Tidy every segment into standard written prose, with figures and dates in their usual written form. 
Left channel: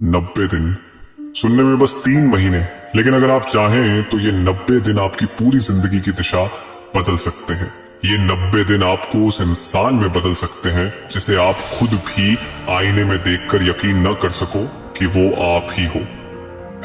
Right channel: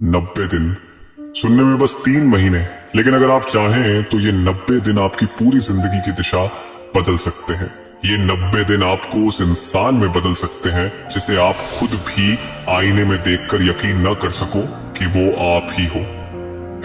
90 दिन सुनने में बस 3 महीने, लेकिन अगर आप चाहें तो ये 90 दिन आपकी पूरी जिंदगी की दिशा बदल सकते हैं। ये 90 दिन आपको उस इंसान में बदल सकते हैं जिसे आप खुद भी आईने में देखकर यकीन न कर सको कि वो आप ही हो।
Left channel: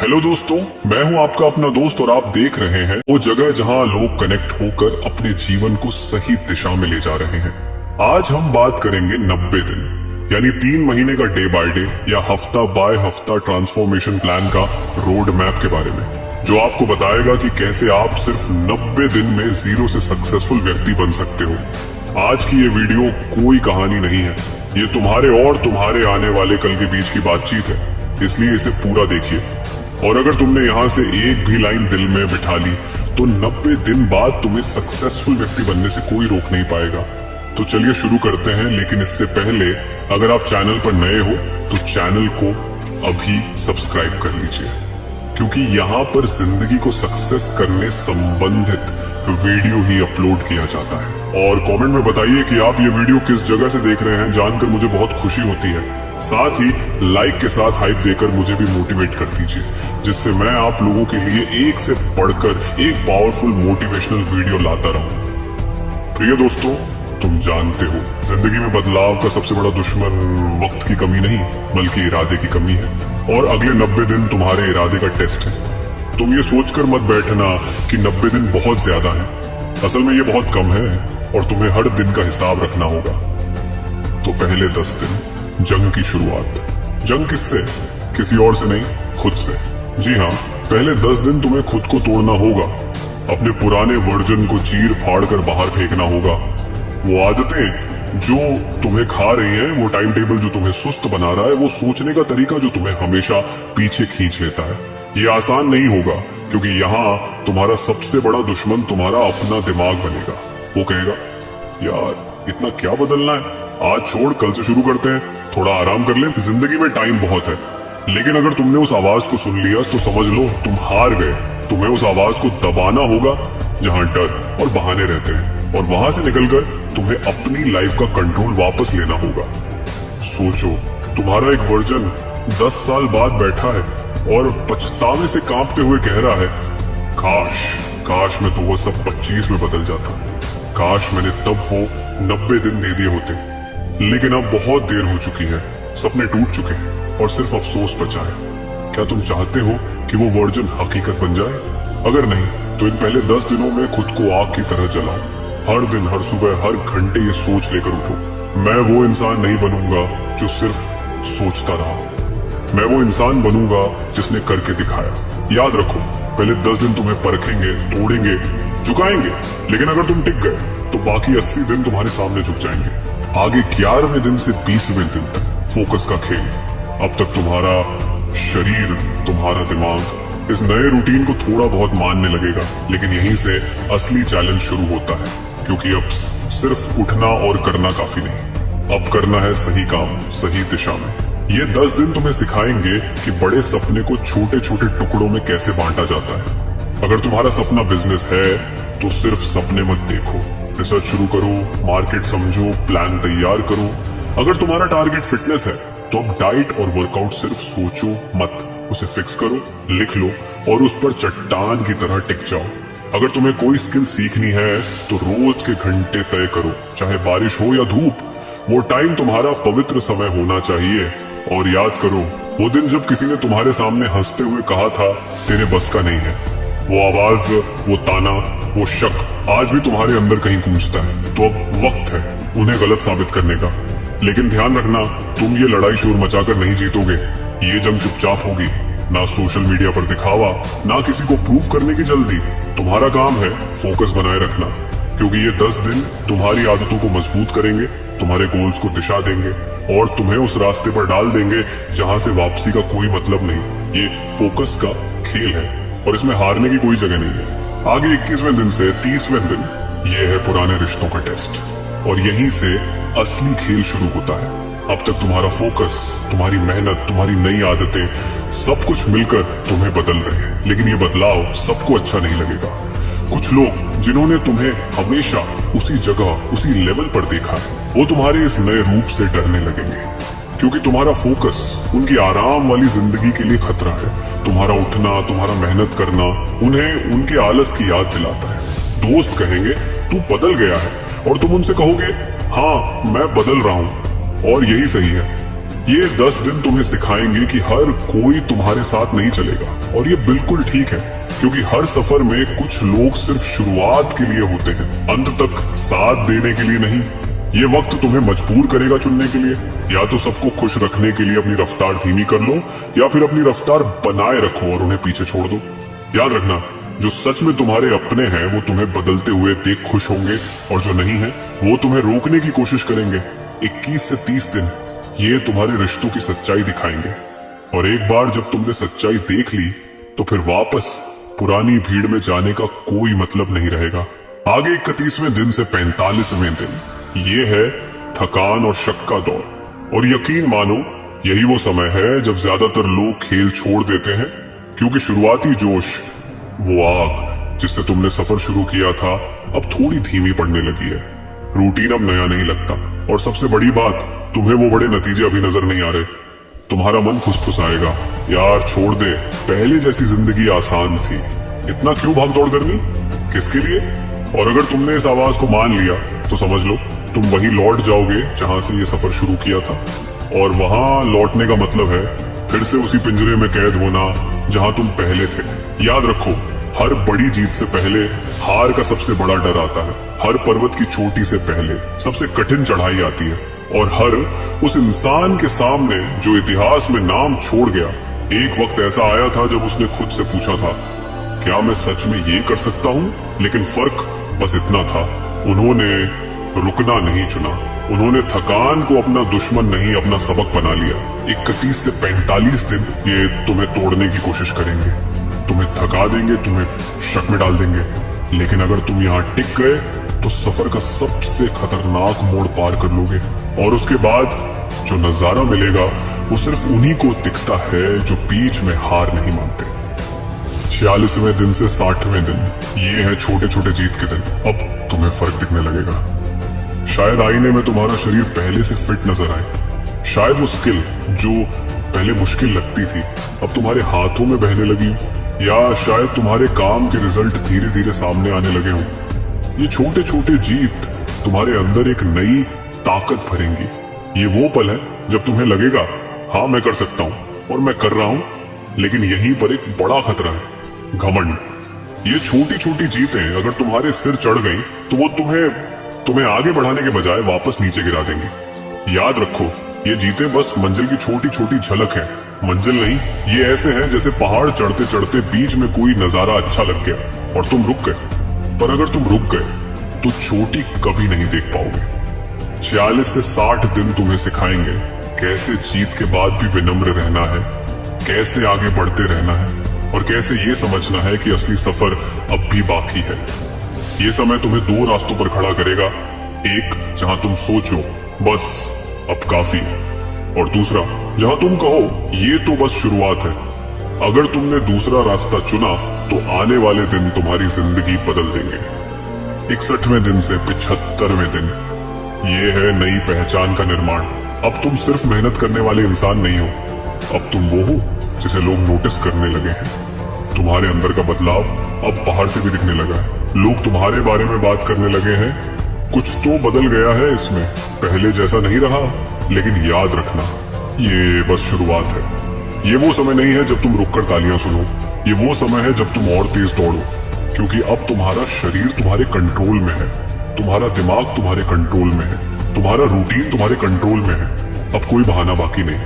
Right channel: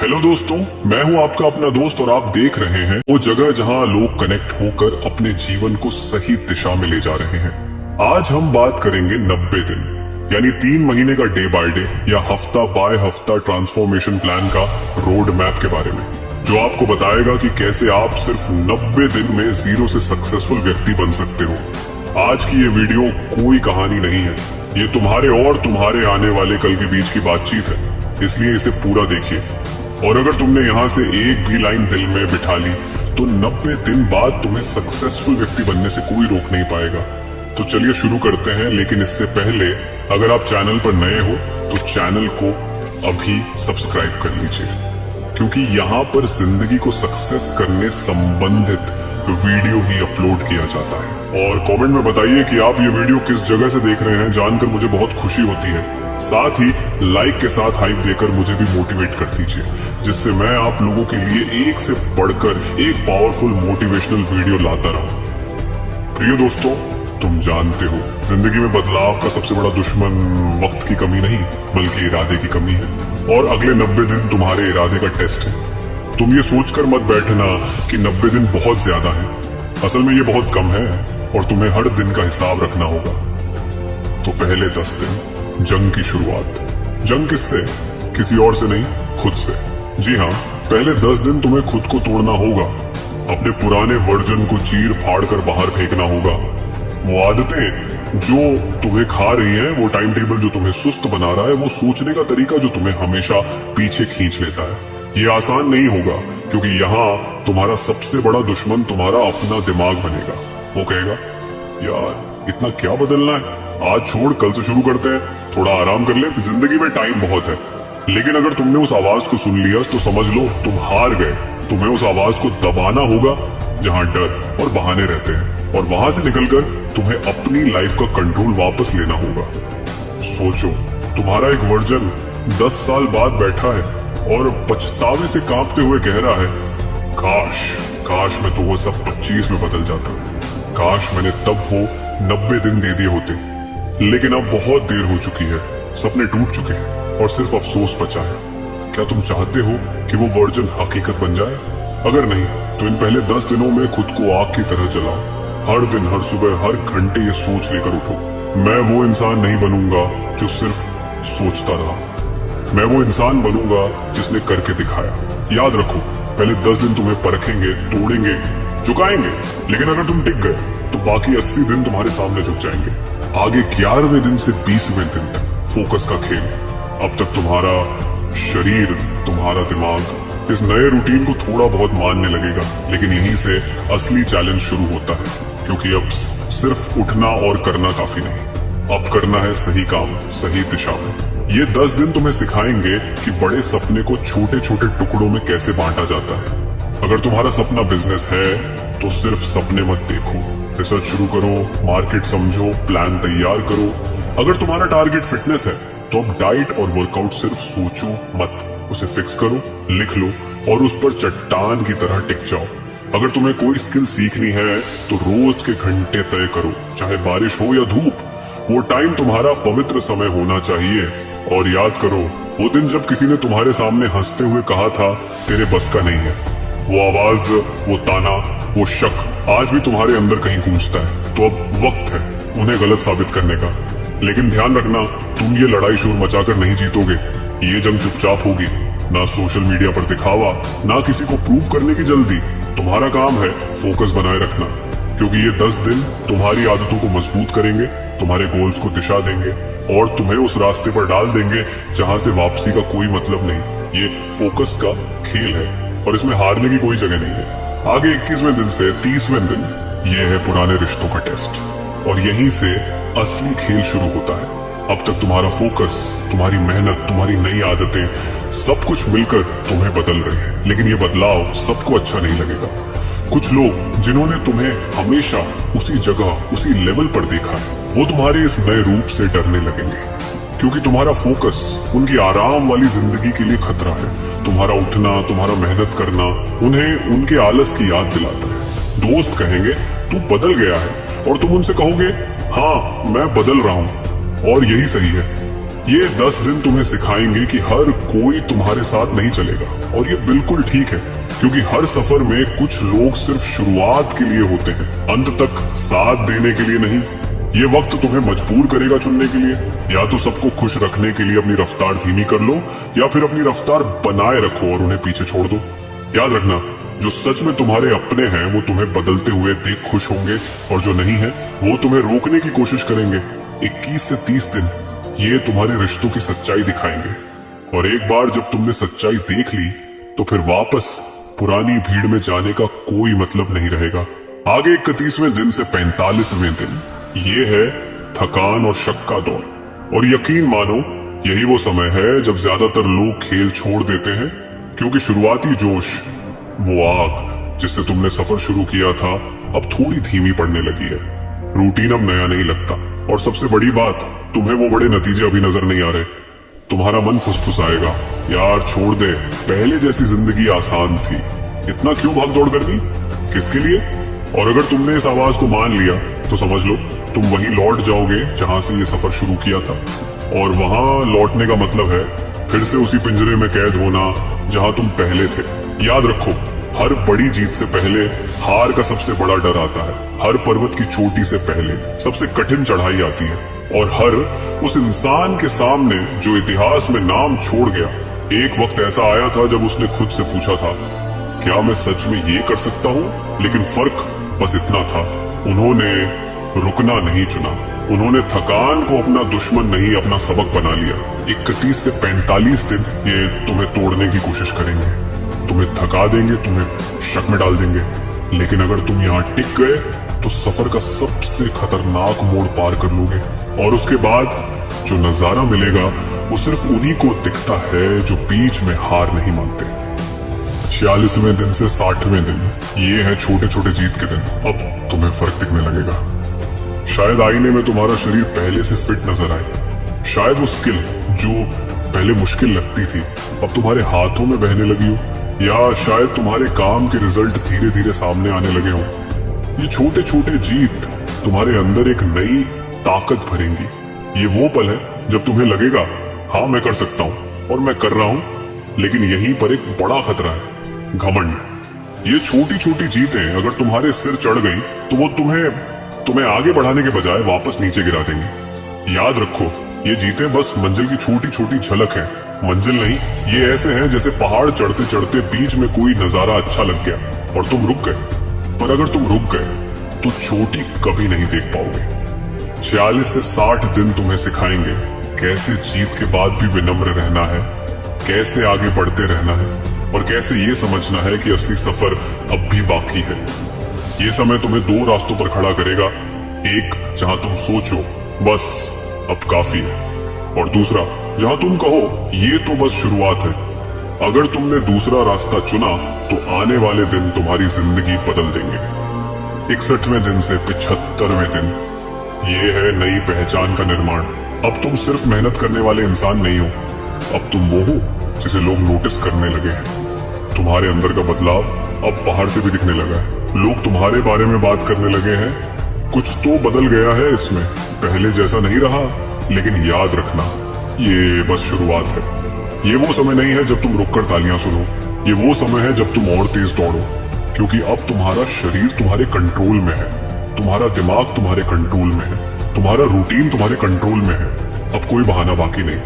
हेलो दोस्तों, मैं हूं आपका अपना दोस्त और आप देख रहे हैं वो जगह जहां लोग कनेक्ट होकर अपने जीवन को सही दिशा में ले जा रहे हैं। आज हम बात करेंगे 90 दिन यानी 3 महीने का डे बाय डे या हफ्ता बाय हफ्ता ट्रांसफॉर्मेशन प्लान का रोड मैप के बारे में, जो आपको बताएगा कि कैसे आप सिर्फ 90 दिन में जीरो से सक्सेसफुल व्यक्ति बन सकते हो। आज की ये वीडियो कोई कहानी नहीं है, ये तुम्हारे और तुम्हारे आने वाले कल के बीच की बातचीत है, इसलिए इसे पूरा देखिए। और अगर तुमने यहाँ से एक भी लाइन दिल में बिठा ली तो 90 दिन बाद तुम्हें सक्सेसफुल व्यक्ति बनने से कोई रोक नहीं पाएगा। तो चलिए शुरू करते हैं, लेकिन इससे पहले अगर आप चैनल पर नए हो तो चैनल को अभी सब्सक्राइब कर लीजिए, क्योंकि यहाँ पर जिंदगी को सक्सेस करने संबंधित वीडियो ही अपलोड किया जाता है। और कमेंट में बताइए कि आप ये वीडियो किस जगह से देख रहे हैं, जानकर मुझे बहुत खुशी होती है। साथ ही लाइक के साथ हाइप देकर मुझे भी मोटिवेट कर दीजिए, जिससे मैं आप लोगों के लिए एक से बढ़कर एक पावरफुल मोटिवेशनल वीडियो लाता रहूं। प्रिय दोस्तों, तुम जानते हो जिंदगी में बदलाव का सबसे बड़ा दुश्मन वक्त की कमी नहीं बल्कि इरादे की कमी है। और अगले 90 दिन तुम्हारे इरादे का टेस्ट है। तुम ये सोचकर मत बैठना कि 90 दिन बहुत ज्यादा है, असल में ये बहुत कम है और तुम्हें हर दिन का हिसाब रखना होगा। तो पहले 10 दिन जंग की शुरुआत। जंग किससे? किसी और से नहीं, खुद से। जी हाँ, पहले 10 दिन तुम्हें खुद को तोड़ना होगा, अपने पुराने वर्जन को चीर फाड़ कर बाहर फेंकना होगा। वो आदतें जो तुम्हें खा रही है, वो टाइम टेबल जो तुम्हें सुस्त बना रहा है, वो सोचने का तरीका जो तुम्हें हमेशा पीछे खींच लेता है। ये आसान नहीं होगा, क्योंकि यहाँ तुम्हारा सबसे बड़ा दुश्मन तुम्हारा अपना दिमाग बनेगा। वो कहेगा, यार इतना क्या बदलना है, आज छोड़ कल से शुरू करते हैं, थोड़ा आराम कर ले, जिंदगी में टाइम बहुत है। लेकिन अगर तुमने उस आवाज को सुन लिया तो समझ लो तुम हार गए। तुम्हें उस आवाज को दबाना होगा जहाँ डर और बहाने रहते हैं, और वहां से निकलकर तुम्हें अपनी लाइफ का कंट्रोल वापस लेना होगा। सोचो, तुम्हारा एक वर्जन 10 साल बाद बैठा है और पछतावे से कांपते हुए कह रहा है, काश मैं तो वो सब 25 में बदल जाता, काश मैंने तब वो 90 दिन दे दिए होते। लेकिन अब बहुत देर हो चुकी है, सपने टूट चुके हैं और सिर्फ अफसोस बचा है। क्या तुम चाहते हो कि वो वर्जन हकीकत बन जाए? अगर नहीं तो इन पहले 10 दिनों में खुद को आग की तरह जलाओ। हर दिन, हर सुबह, हर घंटे ये सोच लेकर उठो, मैं वो इंसान नहीं बनूंगा जो सिर्फ सोचता रहा, मैं वो इंसान बनूंगा जिसने करके दिखाया। याद रखो, पहले 10 दिन तुम्हें परखेंगे, तोड़ेंगे, झुकाएंगे, लेकिन अगर तुम टिक गए तो बाकी 80 दिन तुम्हारे सामने झुक जाएंगे। आगे 11वें दिन से 20वें दिन तक फोकस का खेल। अब तक तुम्हारा शरीर, तुम्हारा दिमाग इस नए रूटीन को थोड़ा बहुत मानने लगेगा, लेकिन यहीं से असली चैलेंज शुरू होता है, क्योंकि अब सिर्फ उठना और करना काफी नहीं, अब करना है सही काम सही दिशा में। ये 10 दिन तुम्हें सिखाएंगे कि बड़े सपने को छोटे छोटे टुकड़ों में कैसे बांटा जाता है। अगर तुम्हारा सपना बिजनेस है तो सिर्फ सपने मत देखो, रिसर्च शुरू करो, मार्केट समझो, प्लान तैयार करो। अगर तुम्हारा टारगेट फिटनेस है तो अब डाइट और वर्कआउट सिर्फ सोचो मत, उसे फिक्स करो, लिख लो और उस पर चट्टान की तरह टिक जाओ। अगर तुम्हें कोई स्किल सीखनी है तो रोज के घंटे तय करो, चाहे बारिश हो या धूप। वो टाइम तुम्हारा पवित्र समय होना चाहिए। और याद करो, वो दिन जब किसी ने तुम्हारे सामने हंसते हुए कहा था, तेरे बस का नहीं है। वो आवाज, वो ताना, वो शक आज भी तुम्हारे अंदर कहीं गूंजता है। तो अब वक्त है उन्हें गलत साबित करने का। लेकिन ध्यान रखना, तुम ये लड़ाई शोर मचाकर नहीं जीतोगे। ये जंग चुपचाप होगी, ना सोशल मीडिया पर दिखावा, ना किसी को प्रूव करने की जल्दी। तुम्हारा काम है फोकस बनाए रखना, क्योंकि ये 10 दिन तुम्हारी आदतों को मजबूत करेंगे, तुम्हारे गोल्स को दिशा देंगे और तुम्हें उस रास्ते पर डाल देंगे जहां से वापसी का कोई मतलब नहीं। ये फोकस का खेल है और इसमें हारने की कोई जगह नहीं है। आगे 21वें दिन से 30वें दिन ये है पुराने रिश्तों का टेस्ट, और यहीं से असली खेल शुरू होता है। अब तक तुम्हारा फोकस, तुम्हारी मेहनत, तुम्हारी नई आदतें सब कुछ मिलकर तुम्हें बदल रहे हैं, लेकिन ये बदलाव सबको अच्छा नहीं लगेगा। कुछ लोग जिन्होंने तुम्हें हमेशा उसी जगह, उसी लेवल पर देखा, वो तुम्हारे इस नए रूप से डरने लगेंगे। क्योंकि तुम्हारा फोकस उनकी आराम वाली जिंदगी के लिए खतरा है। तुम्हारा उठना, तुम्हारा मेहनत करना उन्हें उनके आलस की याद दिलाता है। दोस्त कहेंगे तू बदल गया है और तुम उनसे कहोगे हाँ मैं बदल रहा हूं और यही सही है। ये 10 दिन तुम्हें सिखाएंगे कि हर कोई तुम्हारे साथ नहीं चलेगा और ये बिल्कुल ठीक है, क्योंकि हर सफर में कुछ लोग सिर्फ शुरुआत के लिए होते हैं, अंत तक साथ देने के लिए नहीं। ये वक्त तुम्हें मजबूर करेगा चुनने के लिए, या तो सबको खुश रखने के लिए अपनी रफ्तार धीमी कर लो या फिर अपनी रफ्तार बनाए रखो और उन्हें पीछे छोड़ दो। याद रखना, जो सच में तुम्हारे अपने हैं वो तुम्हें बदलते हुए देख खुश होंगे और जो नहीं है वो तुम्हें रोकने की कोशिश करेंगे। 21 से 30 दिन ये तुम्हारे रिश्तों की सच्चाई दिखाएंगे और एक बार जब तुमने सच्चाई देख ली तो फिर वापस पुरानी भीड़ में जाने का कोई मतलब नहीं रहेगा। आगे 31वें दिन से 45वें दिन ये है थकान और शक का दौर, और यकीन मानो यही वो समय है जब ज्यादातर लोग खेल छोड़ देते हैं, क्योंकि शुरुआती जोश, वो आग जिससे तुमने सफर शुरू किया था, अब थोड़ी धीमी पड़ने लगी है। रूटीन अब नया नहीं लगता और सबसे बड़ी बात, तुम्हें वो बड़े नतीजे अभी नजर नहीं आ रहे। तुम्हारा मन फुसफुसाएगा, यार छोड़ दे, पहले जैसी जिंदगी आसान थी, इतना क्यों भाग दौड़ करनी, किसके लिए। और अगर तुमने इस आवाज को मान लिया तो समझ लो तुम वहीं लौट जाओगे जहां से ये सफर शुरू किया था, और वहां लौटने का मतलब है फिर से उसी पिंजरे में कैद होना जहां तुम पहले थे। याद रखो, हर बड़ी जीत से पहले हार का सबसे बड़ा डर आता है, हर पर्वत की चोटी से पहले सबसे कठिन चढ़ाई आती है, और हर उस इंसान के सामने जो इतिहास में नाम छोड़ गया, एक वक्त ऐसा आया था जब उसने खुद से पूछा था क्या मैं सच में ये कर सकता हूँ। लेकिन फर्क बस इतना था, उन्होंने रुकना नहीं चुना, उन्होंने थकान को अपना दुश्मन नहीं अपना सबक बना लिया। 31 से 45 दिन ये तुम्हें तोड़ने की कोशिश करेंगे, तुम्हें थका देंगे, तुम्हें शक में डाल देंगे, लेकिन अगर तुम यहाँ टिक गए तो सफर का सबसे खतरनाक मोड़ पार कर लोगे, और उसके बाद जो नजारा मिलेगा वो सिर्फ उन्हीं को दिखता है जो बीच में हार नहीं मानते। 46वें दिन से 60वें दिन ये है छोटे छोटे जीत के दिन। अब तुम्हें फर्क दिखने लगेगा, शायद आईने में तुम्हारा शरीर पहले से फिट नजर आए, शायद वो स्किल जो पहले मुश्किल लगती थी अब तुम्हारे हाथों में बहने लगी हो, या शायद तुम्हारे काम के रिजल्ट धीरे धीरे सामने आने लगे हो। ये छोटे छोटे जीत तुम्हारे अंदर एक नई ताकत भरेंगी। ये वो पल है जब तुम्हें लगेगा हाँ मैं कर सकता हूँ और मैं कर रहा हूँ, लेकिन यहीं पर एक बड़ा खतरा है, घमंड। ये छोटी छोटी जीतें अगर तुम्हारे सिर चढ़ गई तो वो तुम्हें आगे बढ़ाने के बजाय वापस नीचे गिरा देंगे। याद रखो, ये जीतें बस मंजिल की छोटी छोटी झलक है, मंजिल नहीं। ये ऐसे हैं जैसे पहाड़ चढ़ते चढ़ते बीच में कोई नजारा अच्छा लग गया और तुम रुक गए, पर अगर तुम रुक गए तो चोटी कभी नहीं देख पाओगे। 46 से 60 दिन तुम्हें सिखाएंगे कैसे जीत के बाद भी विनम्र रहना है, कैसे आगे बढ़ते रहना है, और कैसे ये समझना है कि असली सफर अब भी बाकी है। ये समय तुम्हें 2 रास्तों पर खड़ा करेगा, एक जहां तुम सोचो बस अब काफी है, और दूसरा जहां तुम कहो ये तो बस शुरुआत है। अगर तुमने दूसरा रास्ता चुना तो आने वाले दिन तुम्हारी जिंदगी बदल देंगे। 61वें दिन से 75वें दिन ये है नई पहचान का निर्माण। अब तुम सिर्फ मेहनत करने वाले इंसान नहीं हो, अब तुम वो हो जिसे लोग नोटिस करने लगे हैं। तुम्हारे अंदर का बदलाव अब बाहर से भी दिखने लगा है, लोग तुम्हारे बारे में बात करने लगे हैं। कुछ तो बदल गया है इसमें, पहले जैसा नहीं रहा, लेकिन याद रखना ये बस शुरुआत है। ये वो समय नहीं है जब तुम रुककर तालियां सुनो, ये वो समय है जब तुम और तेज दौड़ो, क्योंकि अब तुम्हारा शरीर तुम्हारे कंट्रोल में है, तुम्हारा दिमाग तुम्हारे कंट्रोल में है, तुम्हारा रूटीन तुम्हारे कंट्रोल में है। अब कोई बहाना बाकी नहीं।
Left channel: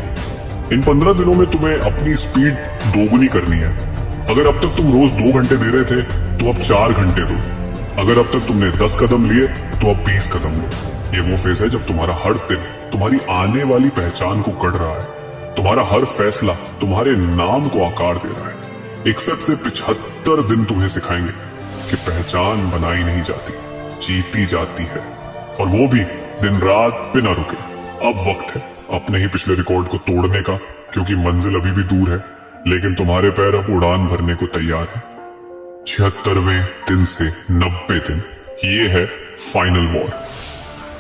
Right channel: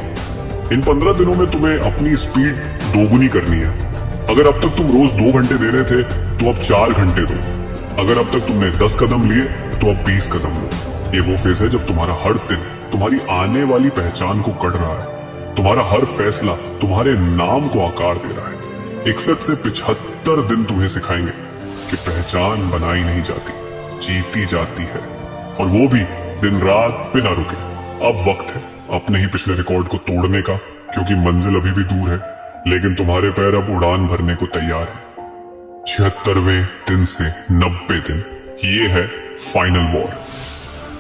इन 15 दिनों में तुम्हें अपनी स्पीड दोगुनी करनी है। अगर अब तक तुम रोज 2 घंटे दे रहे थे तो अब 4 घंटे दो। अगर अब तक तुमने 10 कदम लिए तो अब 20 कदम लो। ये वो फेज है जब तुम्हारा हर दिन तुम्हारी आने वाली पहचान को गढ़ रहा है, तुम्हारा हर फैसला तुम्हारे नाम को आकार दे रहा है। 61 से 75 दिन तुम्हें सिखाएंगे कि पहचान बनाई नहीं जाती, जीती जाती है, और वो भी दिन रात बिना रुके। अब वक्त है अपने ही पिछले रिकॉर्ड को तोड़ने का, क्योंकि मंजिल अभी भी दूर है, लेकिन तुम्हारे पैर अब उड़ान भरने को तैयार है। 76वें दिन से 90 दिन ये है फाइनल वॉर।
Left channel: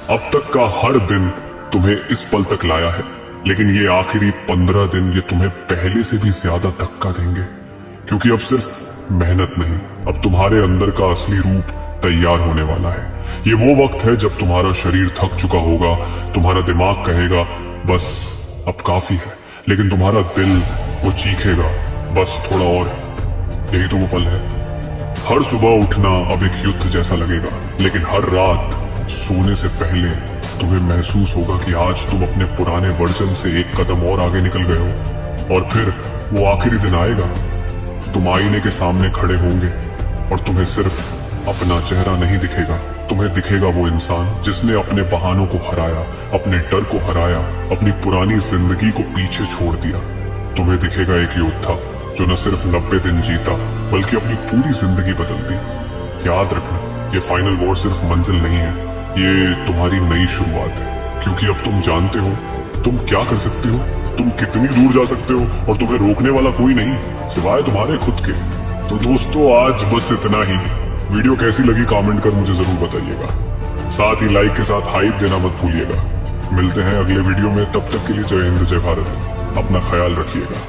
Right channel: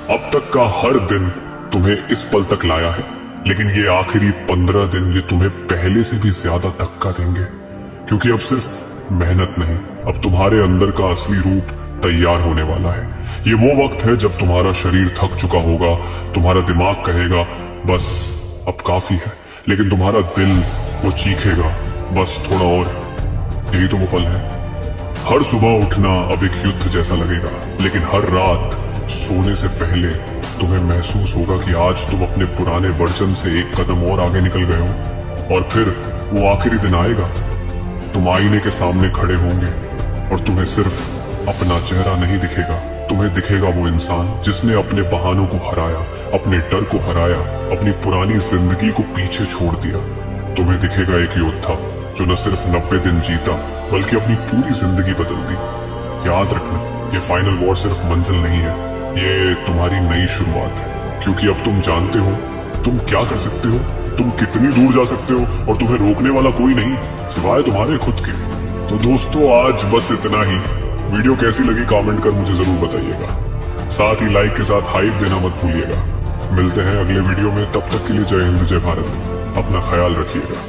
अब तक का हर दिन तुम्हें इस पल तक लाया है, लेकिन ये आखिरी 15 दिन ये तुम्हें पहले से भी ज्यादा धक्का देंगे, क्योंकि अब सिर्फ मेहनत नहीं, अब तुम्हारे अंदर का असली रूप तैयार होने वाला है। ये वो वक्त है जब तुम्हारा शरीर थक चुका होगा, तुम्हारा दिमाग कहेगा बस अब काफी है, लेकिन तुम्हारा दिल वो चीखेगा बस थोड़ा और। यही तो वो पल है। हर सुबह उठना अब एक युद्ध जैसा लगेगा, लेकिन हर रात सोने से पहले तुम्हें महसूस होगा कि आज तुम अपने पुराने वर्जन से एक कदम और आगे निकल गए हो। और फिर वो आखिरी दिन आएगा, तुम आईने के सामने खड़े होंगे और तुम्हें सिर्फ अपना चेहरा नहीं दिखेगा, तुम्हें दिखेगा वो इंसान जिसने अपने बहानों को हराया, अपने डर को हराया, अपनी पुरानी जिंदगी को पीछे छोड़ दिया। तुम्हें दिखेगा एक योद्धा जो न सिर्फ 90 दिन जीता बल्कि अपनी पूरी जिंदगी बदल दी। याद रखना, ये फाइनल वॉर सिर्फ मंजिल नहीं है, ये तुम्हारी नई शुरुआत है, क्योंकि अब तुम जानते हो तुम क्या कर सकते हो, तुम कितनी दूर जा सकते हो और तुम्हें रोकने वाला कोई नहीं सिवाय तुम्हारे खुद के। तो दोस्तों आज बस इतना ही। वीडियो कैसी लगी कमेंट कर मुझे जरूर बताइएगा, साथ ही लाइक के साथ हाइप देना मत भूलिएगा। मिलते हैं अगले वीडियो में, तब तक के लिए जय हिंद जय भारत, अपना ख्याल रखिएगा।